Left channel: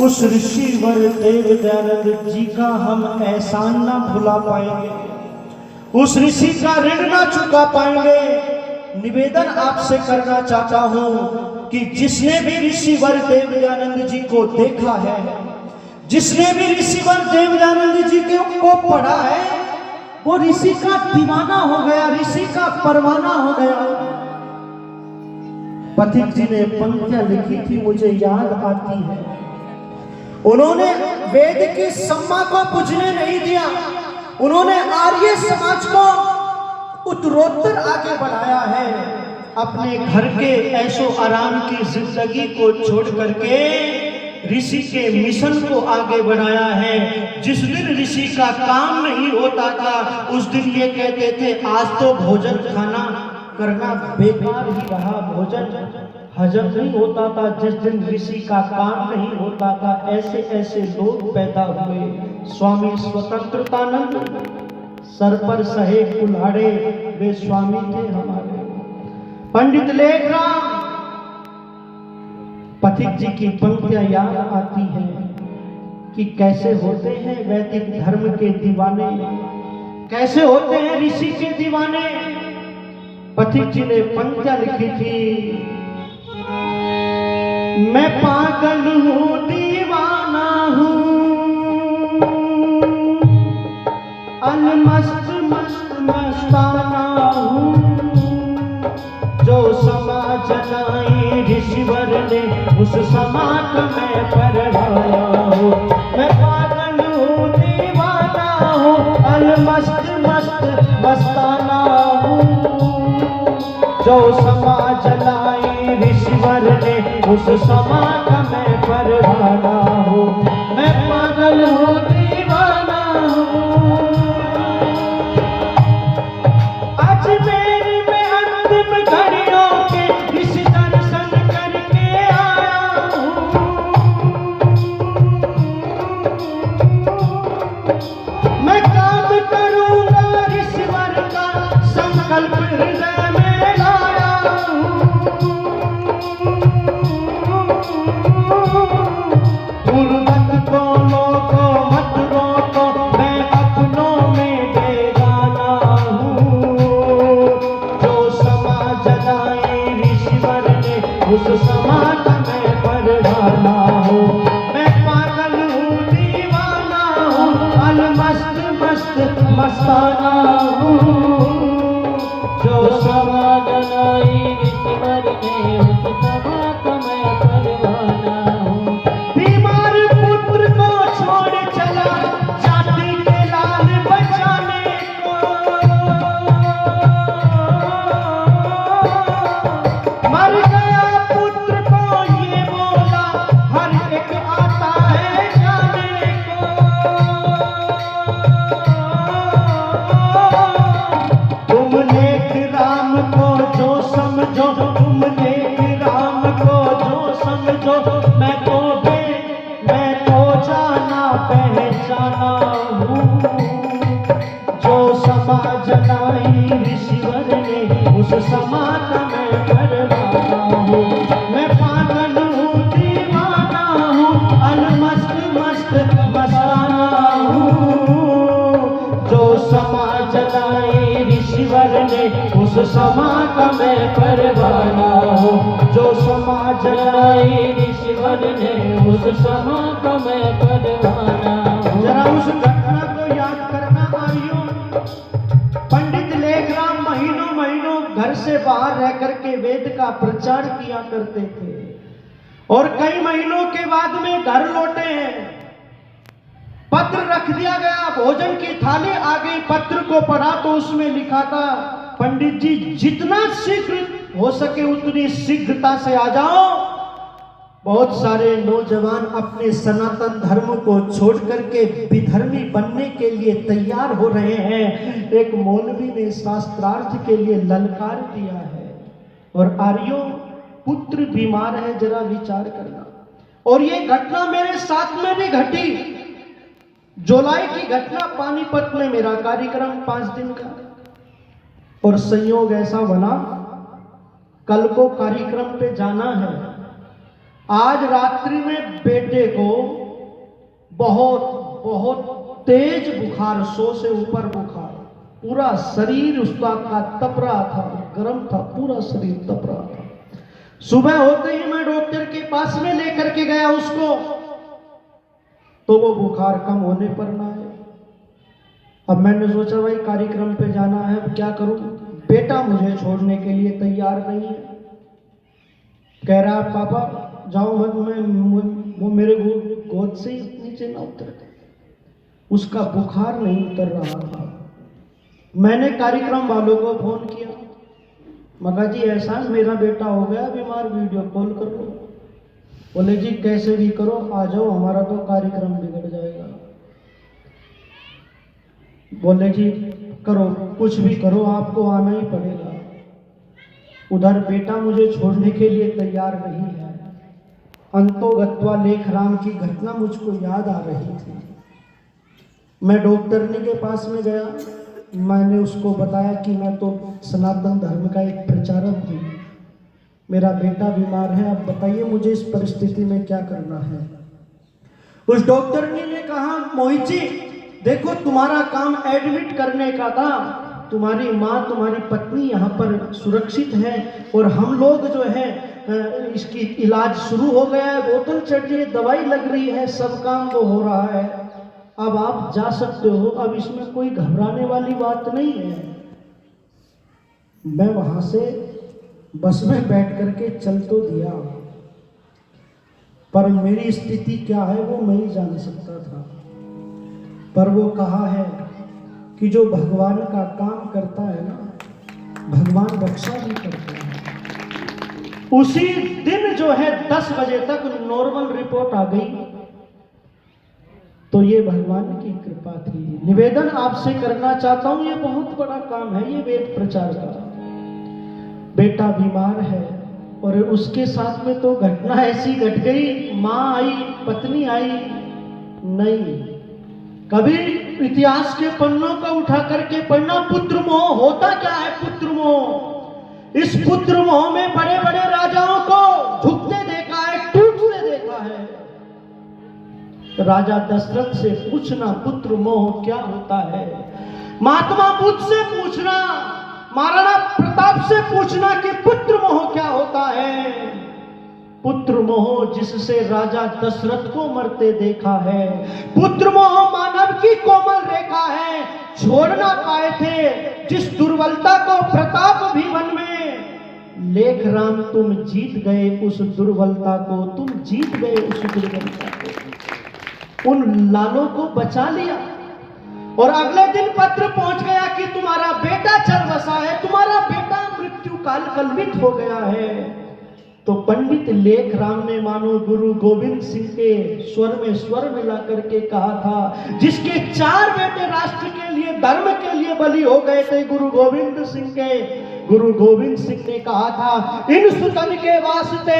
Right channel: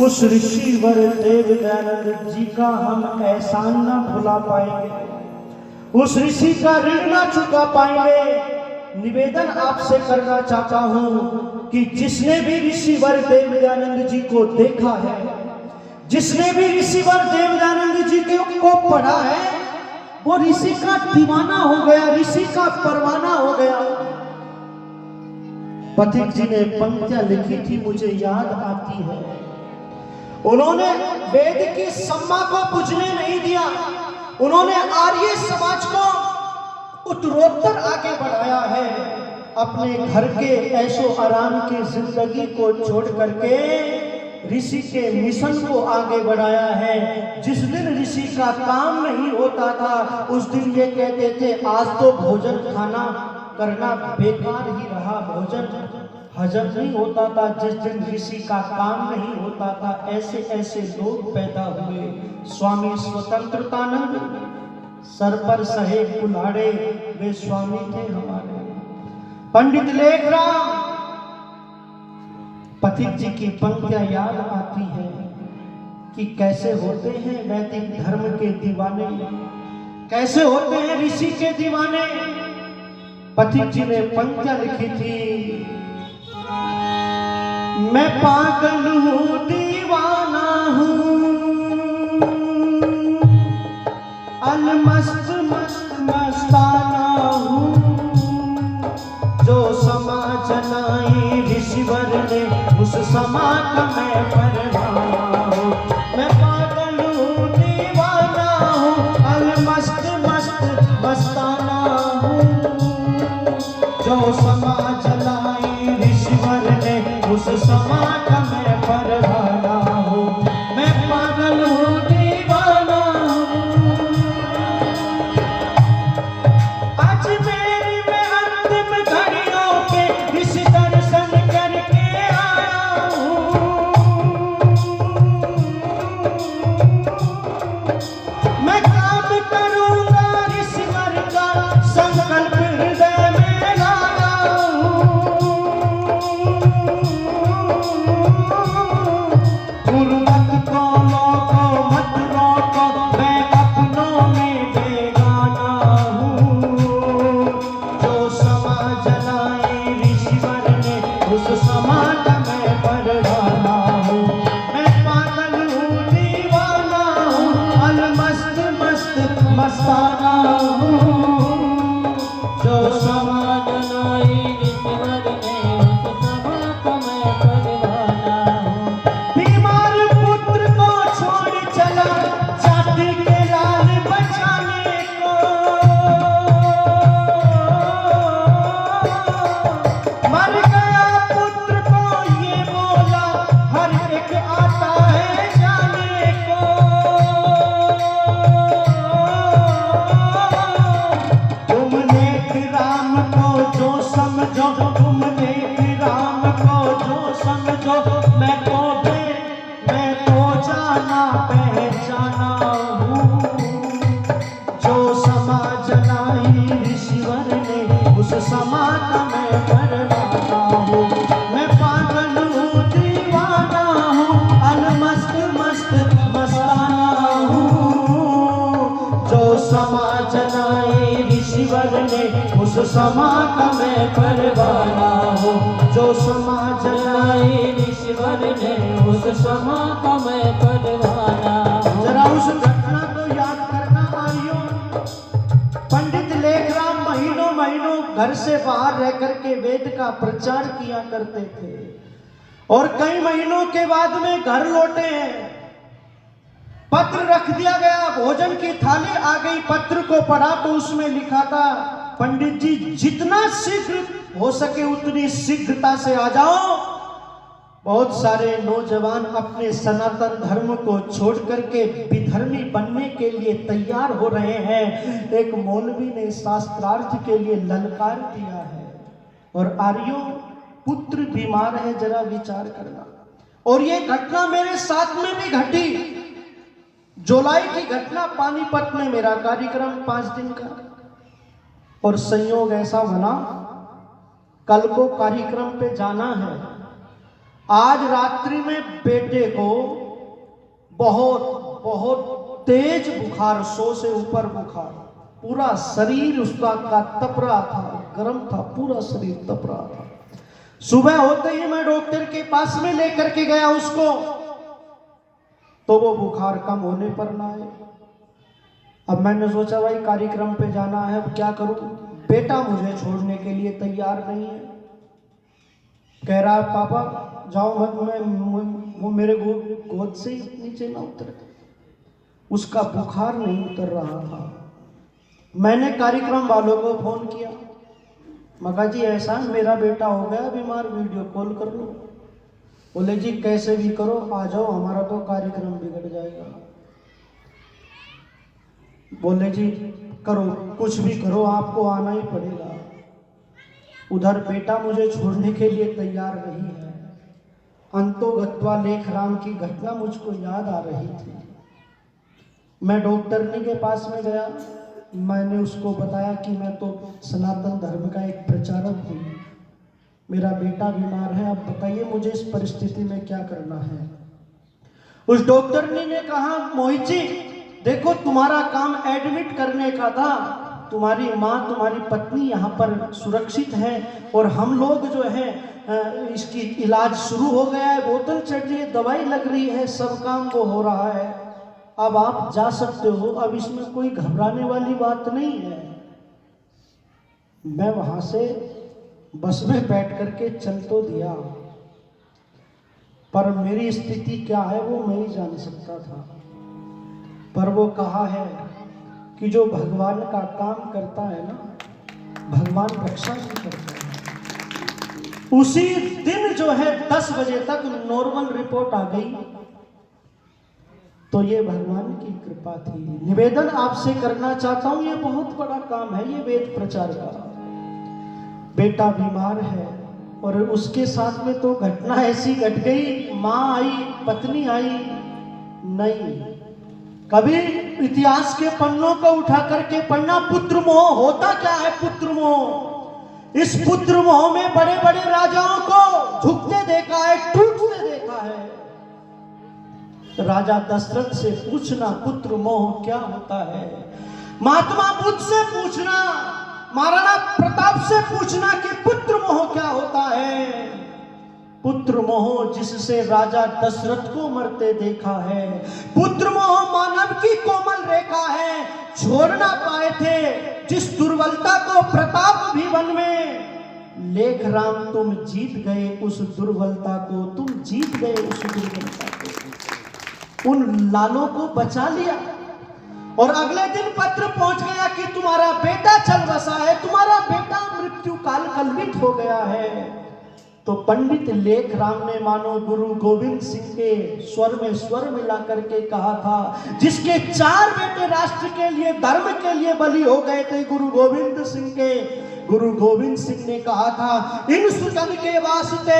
उस ऋषिवर देव दयानंद जी का हम एहसान ना भुला पाएंगे, उस ऋषि का ऋण ना चुका पाएंगे। निवेदन आपसे करना चाहता हूं कि जिसने भी ऋषिवर देव दयानंद जी को देखा है, जिसने भी ऋषिवर देव दयानंद जी को पढ़ा है, वो ऋषि का दीवाना हो गया, ऋषि का परवाना हो गया। पथिक जी ने पंक्तियां लिखी थी, मुझे याद आती है। उन्होंने वेद की सम्मा को पूजने नहीं दिया, उन्होंने आर्य समाज को उत्तरोत्तर आगे बढ़ाया है। अपने घर के ऐशो आराम की जिंदगी को छोड़ करके ऋषि के मिशन को आगे बढ़ाया है। जिस दिन ऋषि का काम नहीं होता था, उस दिन ये कहते थे आज तो भोजन खाना करना बेकार ही रहा, भोजन हजम नहीं होता था। जिस दिन ऋषि का काम नहीं होता था, ऐसे ऐसे लोग पैदा हुए। स्वामी स्वतंत्रतानंद सर पर सहे कुल्हाड़े, वे स्वामी थे हमारे। पंडित लेखराम, पथिक जी की पंक्तियां याद आती है कि कैसे होते हैं वैदिक धर्म के दीवाने, कैसे होते हैं ऋषि के दीवाने। पथिक जी ने पंक्तियां लिखी थी, मैं पागल हूँ दीवाना हूँ, अलमस्त मस्त मस्ताना हूँ, जो समा जनाई ऋषिवर ने उस समा का मैं परवाया हूँ। मैं पागल हूँ दीवाना हूँ, अलमस्त मस्त मस्ताना हूँ, जो समा जलाई ऋषिवर ने उस समा का मैं परवाना हूँ। मैं पागल हूँ दीवाना हूँ, आज मेरी में अंतिम घड़ियों के इस दर्शन करके आया हूँ। मैं काम करूँगा ऋषिवर का संकल्प हृदय में लाया हूँ। गुरुमत को लोगो मत रोको, मैं अपनों में बेगाना हूँ, जो समा जलाए ऋषिवर ने उस समा का मैं परवाना हूँ। मैं पागल हूँ दीवाना हूँ, अलमस्त मस्त मस्ताना हूँ, जो समा जलाए ऋषिवर ने उस समा का मैं परवाना हूँ। बीमार पुत्र को छोड़ चला जाति के लाल बचाने को, मर गया पुत्र को ये बोला, हर एक आता है जाने को। तुम नेक राम को जो समझो, तुम नेक राम को जो समझो, मैं तो जाना पहचाना हूँ, जो समा जलाई ऋषिवर ने उस समा का मैं परवाना हूँ। मैं पागल हूँ दीवाना हूँ, अलमस्त मस्त मस्ताना हूँ, जो समा जलाई ऋषिवर ने उस समा का मैं परवाना हूँ, जो समा जलाई ऋषिवर ने उस समा का मैं परवाना हूँ। जरा उस घटना को याद करना आइयो। पंडित लेखराम महीनों महीनों घर से बाहर रह करके वेद का प्रचार किया करते थे, और कई महीनों के बाद में घर लौटे हैं। पत्र रख दिया गया, भोजन की थाली आ गई। पत्र को पढ़ा तो उसमें लिखा था, पंडित जी जितना शीघ्र हो सके उतनी शीघ्रता से आ जाओ। बहुत सारे नौजवान अपने सनातन धर्म को छोड़ करके विधर्मी बनने के लिए तैयार हो रहे हैं। एक मौलवी ने शास्त्रार्थ के लिए ललकार दिया है, और आर्यों पुत्र बीमार है, जरा विचार करना। और ये घटना मेरे साथ में भी घटी। जुलाई की घटना, पानीपत में मेरा कार्यक्रम 5 दिन का, और संयोग ऐसा बना कल को कार्यक्रम पे जाना है। आज रात्रि में बेटे को बहुत बहुत तेज बुखार, 100 से ऊपर बुखार, पूरा शरीर उसका का तप रहा था, गर्म था, पूरा शरीर तप रहा था। सुबह होते ही मैं डॉक्टर के पास में लेकर के गया उसको, तो वो बुखार कम होने पर ना आए। अब मैंने सोचा भाई कार्यक्रम पे जाना है, अब क्या करूं। बेटा मुझे छोड़ने के लिए तैयार नहीं है, कह रहा है पापा जाओ मत, वो मेरे गोद से ही नीचे ना उतर। उसका बुखार नहीं उतर रहा था। मैंने कार्यक्रम वालों को फोन किया, मगा जी ऐसा मेरा बेटा हो गया बीमार, वीडियो कॉल कर लो। बोले जी कैसे भी करो आ जाओ, हमारा तो कार्यक्रम बिगड़ जाएगा। बोले जी करो, कुछ भी करो, आपको आना ही पड़ेगा। उधर बेटा मुझे छोड़ने के लिए तैयार नहीं है। अंतोगत्वा लेखराम की घटना मुझको याद आ रही थी। मैं डॉक्टरनी के पास में गया, मैंने उसको बताया कि मैं तो सनातन धर्म का एक प्रचारक हूँ, मेरा बेटा बीमार है, अब बताइए मुझे इस परिस्थिति में क्या करना है। उस डॉक्टरनी ने कहा मोहित जी देखो तुम्हारा काम एडमिट करने का था, तुम्हारी माँ तुम्हारी पत्नी यहाँ पर सुरक्षित है और हम लोग जो है इसकी इलाज शुरू हो गया है, बोतल चढ़ रही है, दवाई लग रही है, सब काम वो हो रहा है, अब आप जा सकते हो, अब इसमें कोई घबराने वाली बात नहीं है। मैं वहां से बस में बैठ करके चल तो दिया, पर मेरी स्थिति क्या है वो मैं ही जान सकता था। पर वो कहा है कि जो भगवान का काम करता है ना, भगवान रक्षा भी करता है। उसी दिन जो है 10 बजे तक नॉर्मल रिपोर्ट आ गई, तो ये भगवान की कृपा थी। निवेदन आपसे करना चाहता हूं, ये बहुत बड़ा काम है ये वेद प्रचार का। बेटा बीमार है और उसके साथ में तो घटना ऐसी घट गई, माँ आई, पत्नी आई नहीं। कभी इतिहास के पन्नों को उठा करके पढ़ना, पुत्र मोह होता क्या है। पुत्र मोह, इस पुत्र मोह में बड़े बड़े राजाओं को झुकते देखा है, टूटते देखा है। राजा दशरथ से पूछना पुत्र मोह क्या होता है, महात्मा बुद्ध से पूछना, महाराणा प्रताप से पूछना कि पुत्र मोह क्या होता है। पुत्र मोह जिससे राजा दशरथ को मरते देखा है, पुत्र मोह मानव की कोमल रेखा है, छोड़ ना पाए थे जिस दुर्बलता को प्रताप भीवन में। लेख राम तुम जीत गए उस दुर्बलता को, तुम जीत गए उस दुर्बलता को, उन लालों को बचा लिया। और अगले दिन पत्र पहुंच गया कि तुम्हारा बेटा चल बसा है, तुम्हारा बेटा मृत्यु काल कलवित हो गया है। तो पंडित लेख राम ने मानो गुरु गोविंद सिंह के स्वर में स्वर मिला करके कहा था, जिसके 4 बेटे राष्ट्र के लिए धर्म के लिए बलि हो गए थे गुरु गोविंद सिंह के, गुरु गोविंद सिंह ने कहा था इन सुतन के वास्ते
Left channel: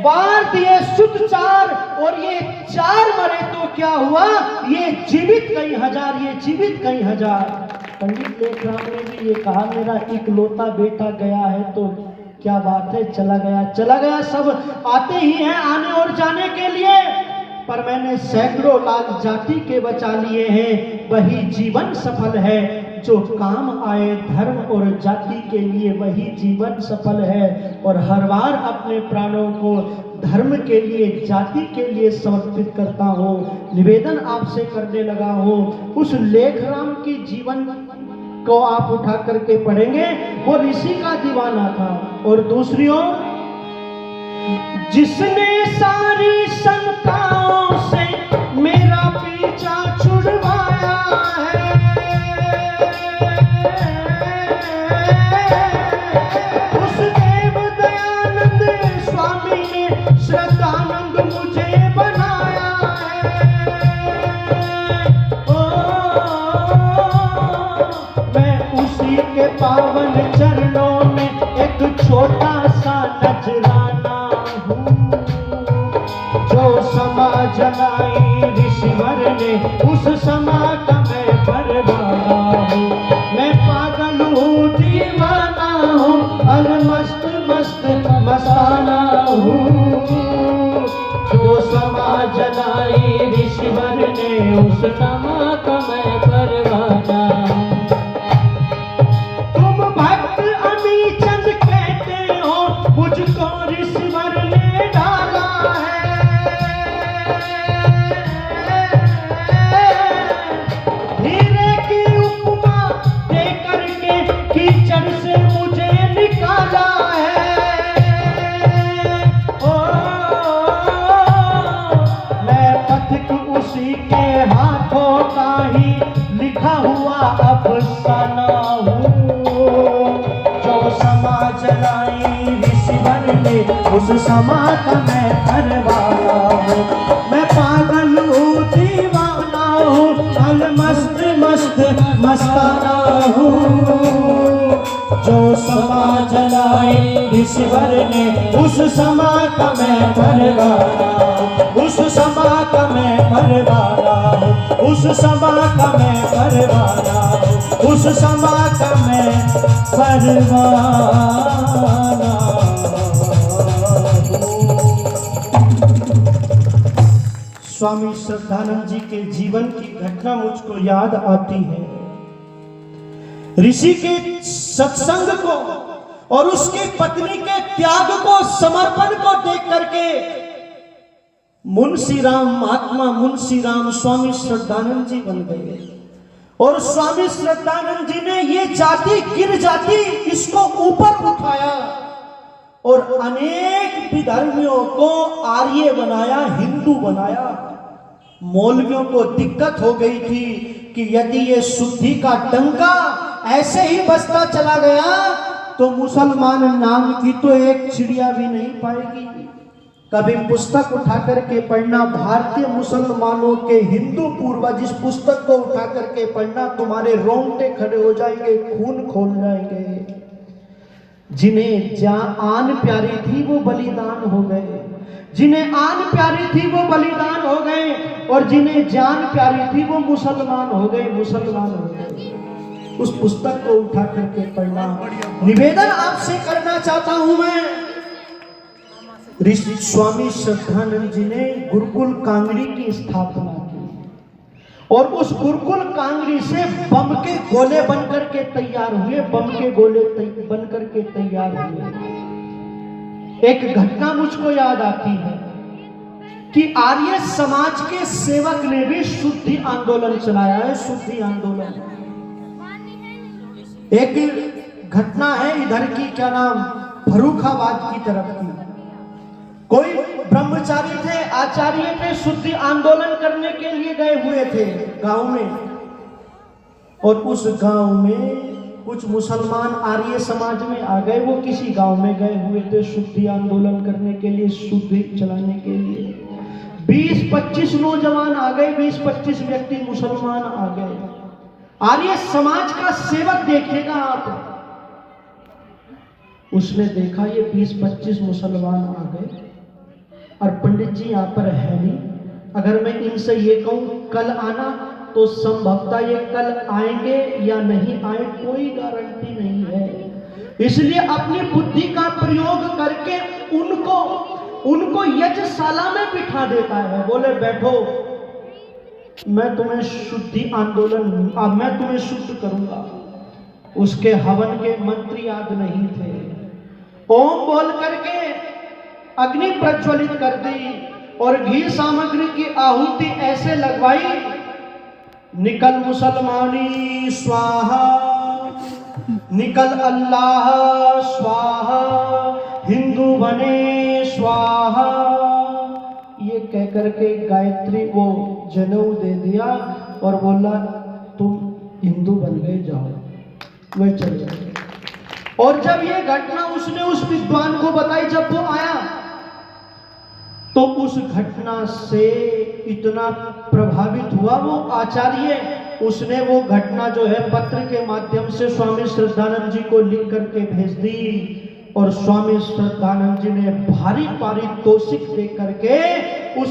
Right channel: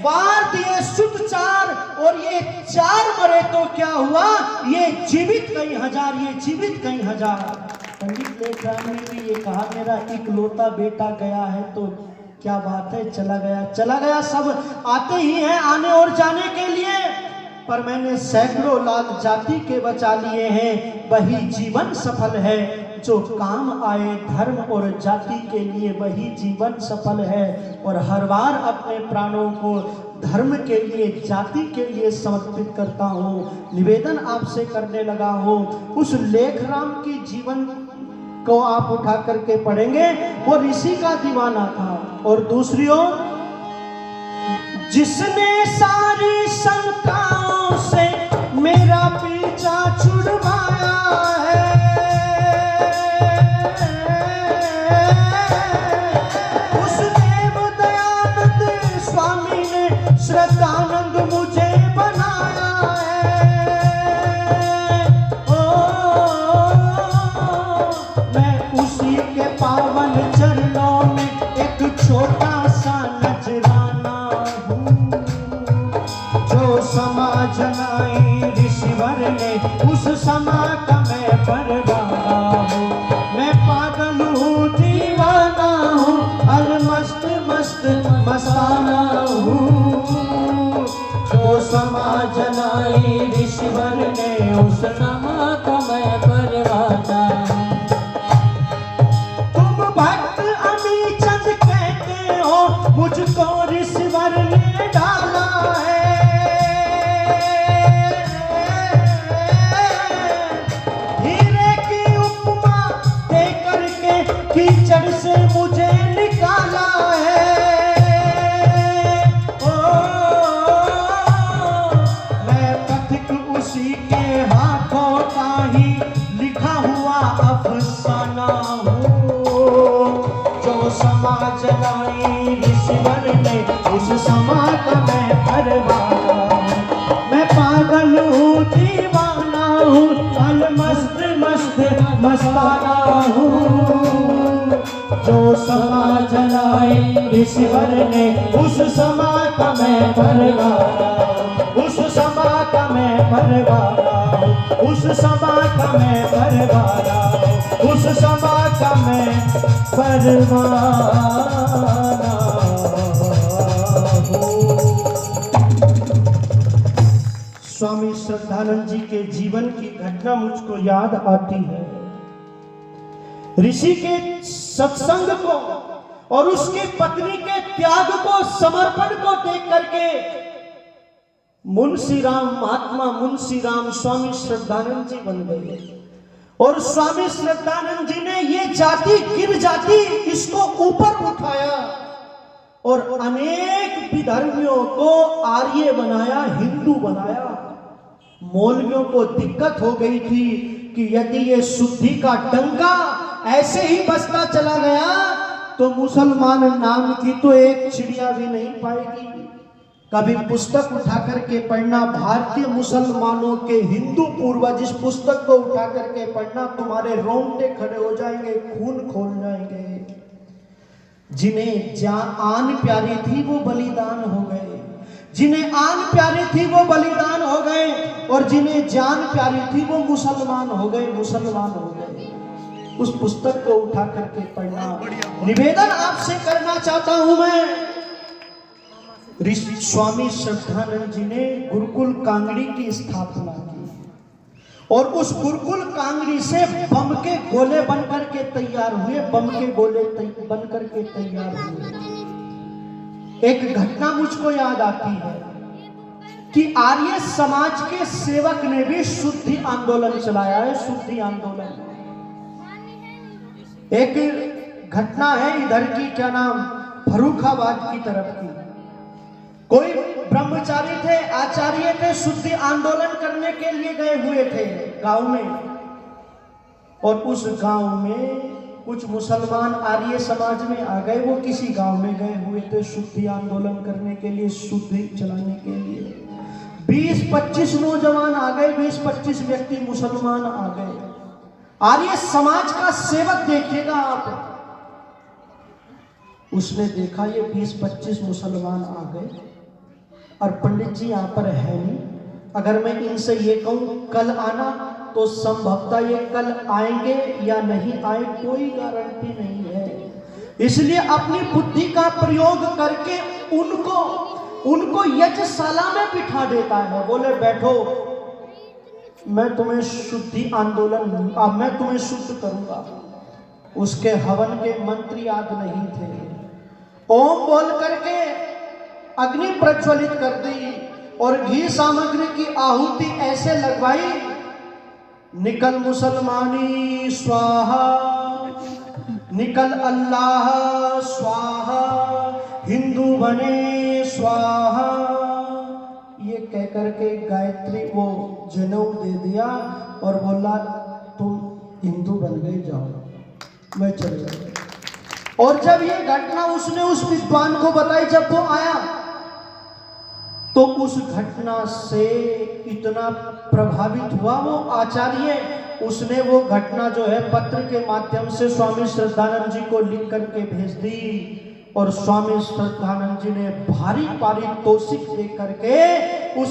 वार दिए सुत 4, और ये 4 मरे तो क्या हुआ, ये जीवित कई हजार, ये जीवित कई हजार। पंडित लेख राम ने भी ये कहा मेरा इकलौता बेटा गया है तो क्या बात है, चला गया, सब आते ही हैं आने और जाने के लिए, पर मैंने सैकड़ों लाख जाति के बचा लिए हैं। वही जीवन सफल है जो काम आए धर्म और जाति के लिए, वही जीवन सफल है। और हर बार अपने प्राणों को धर्म के लिए, जाति के लिए समर्पित करता हूँ। निवेदन आपसे करने लगा हूँ, उस लेख राम की जीवन को आप उठा करके पढ़ेंगे, वो ऋषि का दीवाना था। और दूसरी ओर जिसने सारी शंकाओं से मेरा पीछा छुड़वाया है, उस देव दयानंद स्वामी ने श्रद्धानंद मुझे बनाया है। मैं उसी के पावन चरणों में एक छोटा सा नजराना हूँ, जो समा जलाई ऋषिवर ने उस समा का मैं परवाना हूँ। मैं पागल हूँ, दीवाना हूँ, अलमस्त मस्त मस्ताना हूँ, जो समा जलाई ऋषिवर ने ऋषि के हाथों का ही लिखा हुआ अफसाना हूँ। जो समाज लाई ऋषिवर ने उस समाज में करवाना हूँ। मैं पागल हूँ दीवाना हूँ, अल मस्त मस्त मस्ताना हूँ। जो समाज लाई ऋषिवर ने उस समाज में करवाना, उस समाज में करवाना, उस समाज में करवाना, उस समाज में करवाना हो। स्वामी श्रद्धानंद जी के जीवन की घटना मुझको याद आती है। ऋषि के सत्संग को और उसकी पत्नी के त्याग को, समर्पण को देख करके मुंशी राम, महात्मा मुंशी राम स्वामी श्रद्धानंद जी बन गए। और स्वामी श्रद्धानंद जी ने ये जाति, गिर जाति, इसको ऊपर उठाया और अनेक विधर्मियों को आर्य बनाया, हिंदू बनाया। मौलवियों को दिक्कत हो गई थी कि यदि ये शुद्धि का डंका ऐसे ही बजता चला गया तो मुसलमान नाम की तो एक चिड़िया भी नहीं पाएगी। कभी पुस्तक उठा करके पढ़ना, भारतीय मुसलमानों के हिंदू पूर्वज, इस पुस्तक को उठा करके पढ़ना, तुम्हारे रोंगटे खड़े हो जाएंगे, खून खोल जाएंगे। जिन्हें आन प्यारी थी वो बलिदान हो गए, जिन्हें आन प्यारी थी वो बलिदान हो गए, और जिन्हें जान प्यारी थी वो मुसलमान हो गए, मुसलमान हो गए। उस पुस्तक को उठा करके पढ़ना। निवेदन आपसे करना चाहता हूं मैं, ऋषि स्वामी श्रद्धानंद जी ने गुरुकुल कांगड़ी की स्थापना की और उस गुरुकुल कांगड़ी से बम के गोले बनकर के तैयार हुए, बम के गोले बनकर के तैयार हुए। एक घटना मुझको याद आती है कि आर्य समाज के सेवक ने भी शुद्धि आंदोलन चलाया है, शुद्धि आंदोलन। एक घटना है इधर की, क्या नाम, फर्रुखाबाद की तरफ की। कोई ब्रह्मचारी थे, आचार्य थे, शुद्धि आंदोलन करने के लिए गए हुए थे गांव में, और उस गांव में कुछ मुसलमान आर्य समाज में आ गए। वो किसी गांव में गए हुए थे शुद्धि आंदोलन करने के लिए, शुद्धि चलाने के लिए। 20-25 नौजवान आ गए, 20-25 व्यक्ति मुसलमान आ गए। आर्य समाज का सेवक देखेगा आप, उसने देखा ये 20-25 मुसलमान आ गए और पंडित जी यहाँ पर है नहीं। अगर मैं इनसे ये कहूं कल आना, तो संभवतः ये कल आएंगे या नहीं आए, कोई गारंटी नहीं है। इसलिए अपनी बुद्धि का प्रयोग करके उनको यज्ञशाला में बिठा देता है। बोले बैठो, मैं तुम्हें शुद्धि आंदोलन, मैं तुम्हें शुद्ध करूंगा। उसके हवन के मंत्र याद नहीं थे। ओम बोल करके अग्नि प्रज्वलित कर दी और घी सामग्री की आहुति ऐसे लगवाई, निकल मुसलमानी स्वाहा, निकल अल्लाह स्वाहा, हिंदू बने स्वाहा। ये कहकर के गायत्री को जनेऊ दे दिया और बोला तुम हिंदू बन गए, जाओ। वे चल गए। और जब ये घटना उसने उस विद्वान को बताई, जब वो आया, तो उस घटना से इतना प्रभावित हुआ वो आचार्य, उसने वो घटना जो है पत्र के माध्यम से स्वामी श्रद्धानंद जी को लिख करके भेज दी। और स्वामी श्रद्धानंद जी ने भारी पारितोषिक दे करके उस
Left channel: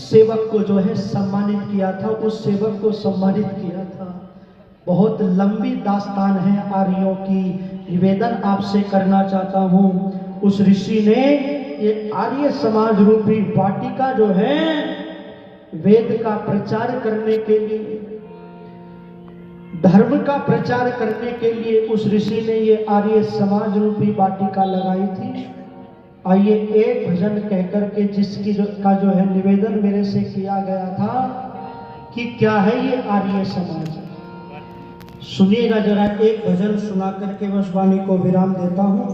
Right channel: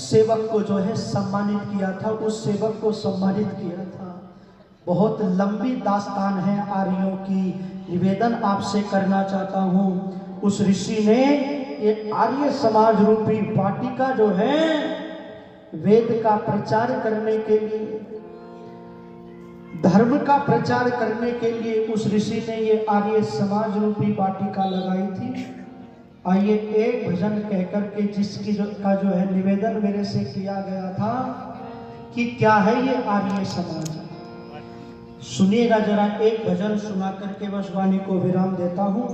सेवक को जो है सम्मानित किया था, उस सेवक को सम्मानित किया था। बहुत लंबी दास्तान है आर्यों की। निवेदन आपसे करना चाहता हूँ, उस ऋषि ने ये आर्य समाज रूपी वाटिका जो है वेद का प्रचार करने के लिए, धर्म का प्रचार करने के लिए उस ऋषि ने ये आर्य समाज रूपी वाटिका लगाई थी। आइए एक भजन कहकर के जिसकी का जो है निवेदन मेरे से किया गया था कि क्या है ये आर्य समाज, सुनिएगा जरा। एक भजन सुना करके बस वाणी को विराम देता हूँ।